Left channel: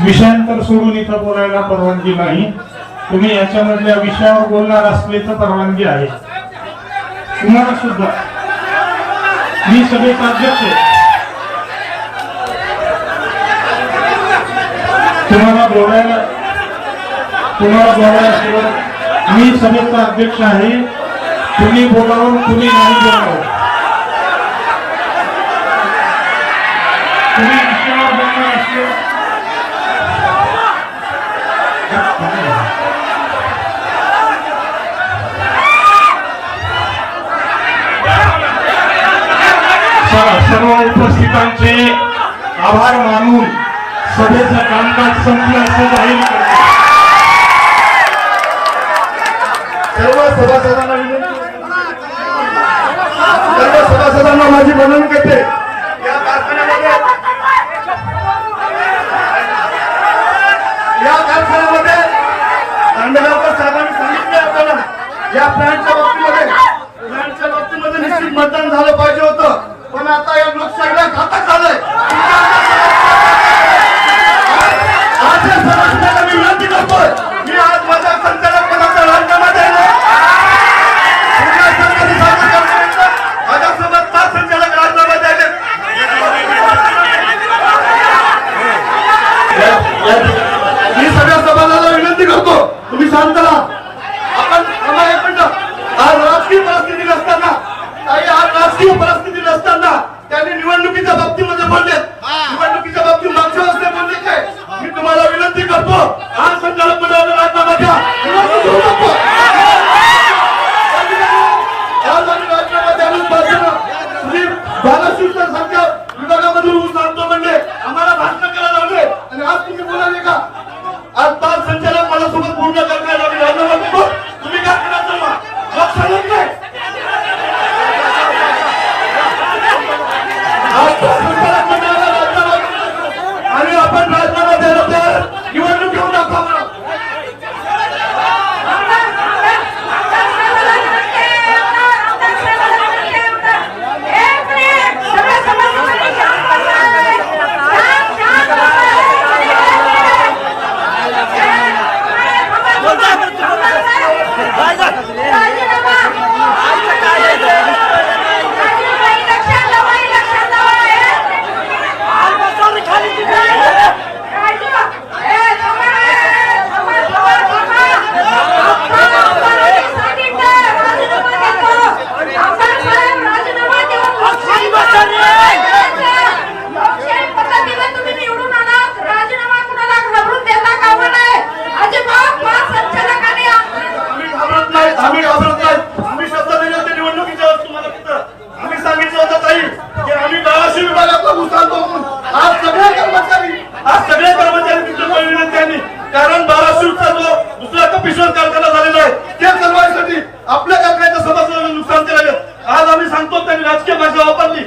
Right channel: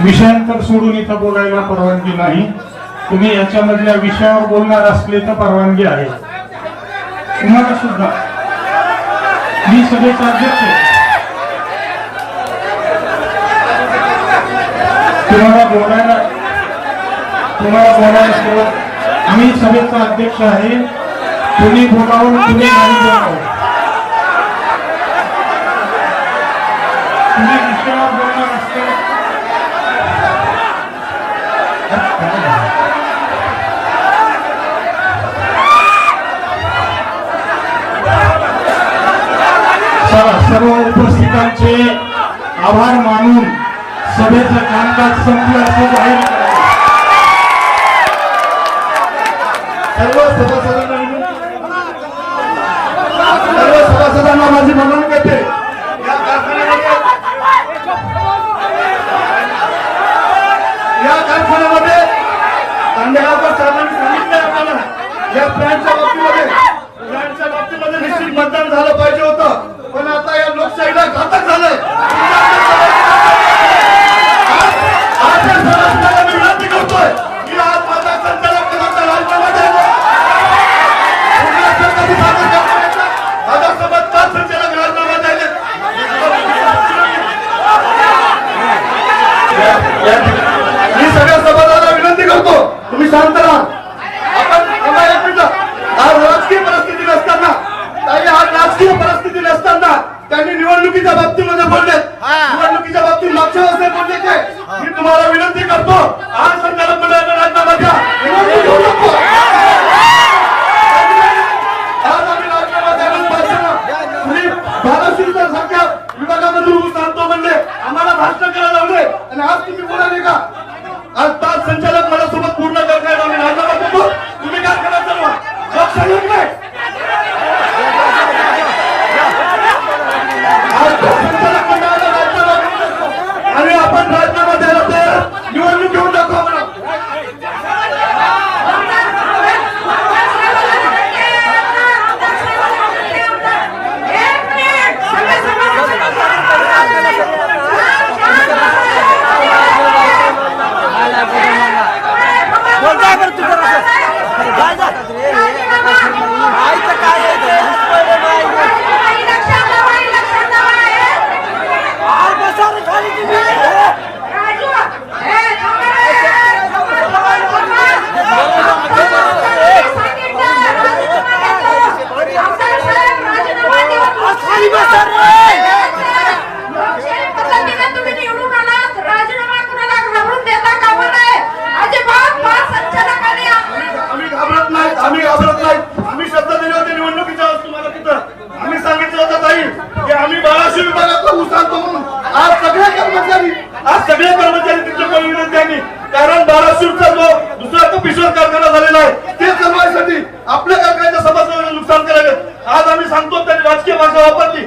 विषयांतर सोडून इथं बोलायला परवानगी नाही. तुम्ही याच्यामधल्या विषयावर बोलणार असले तर परवानगी आहे. तुम्हाला सुद्धा. मी सभेचा अध्यक्ष आहे. तुम्हाला बोलायला तुम्हाला बोलायला शिवाय मी सभेचा अध्यक्ष आहे. तुम्ही बोलावं तुम्ही नाही बोलावं. तुम्ही विषयावर बोलणार असले सर्व उपस्थितांचे आभार मानून सभेचं कामकाज संपलं असं जाहीर सर्व सभासदांना विनंती. सर्व सभासदांना माझी बनवून घेते या कारखान्यामध्ये या कारखान्यामध्ये कांदळाकर साहेबांनी सांगितले आपल्याला या प्लॅनच्या बाबतीमध्ये प्लॅनच्या बाबतीमध्ये निश्चित मतदान झालं पाहिजे होतं. पण आता या लोकशाहीला घातक झालंय. आज आज या सभासदांना मी विनंती करतोय की आज माझ्या संचालक पदाचा राजीनामा द्यायला माझ्यासोबत पाच संचालक राजीनामा द्यायचे मी सगळ्या सभासदांना विनंती करतो तुम्ही शांत राहा। आपण. आज राजकीय परिस्थिती नसताना आज राजकीय परिस्थिती नसताना त्यांनी निवडणुकीच्या बाबतीमध्ये बोललेत. निवडणुकीच्या बाबतीत मागच्या वर्षी बोलले ते मी तुम्हाला विनंती करतो आज संचालक मंडळाचा राजीनामा द्या निवडणूक होऊ नको. आज आम्ही राजीनामा सारख्या विभागामधून ऊस आणतो म्हणजे आम्हाला भाषण करायला சொல்லுங்கள் की आम्ही बाराशे विभागातला उसारतो आज सगळे कर्मचारी आज सगळे कर्मचारी तुमच्या विनंती त्यांनी कारण बाराशेचा जो दुसरा कपिश्वर कारखाना झालेला आहे ते चालवायसाठी आपल्या कारखान्याच्या समस्या नुकसान करावे आज आम्ही सांगतो त्यांनी राजकीय भाषा वापरली.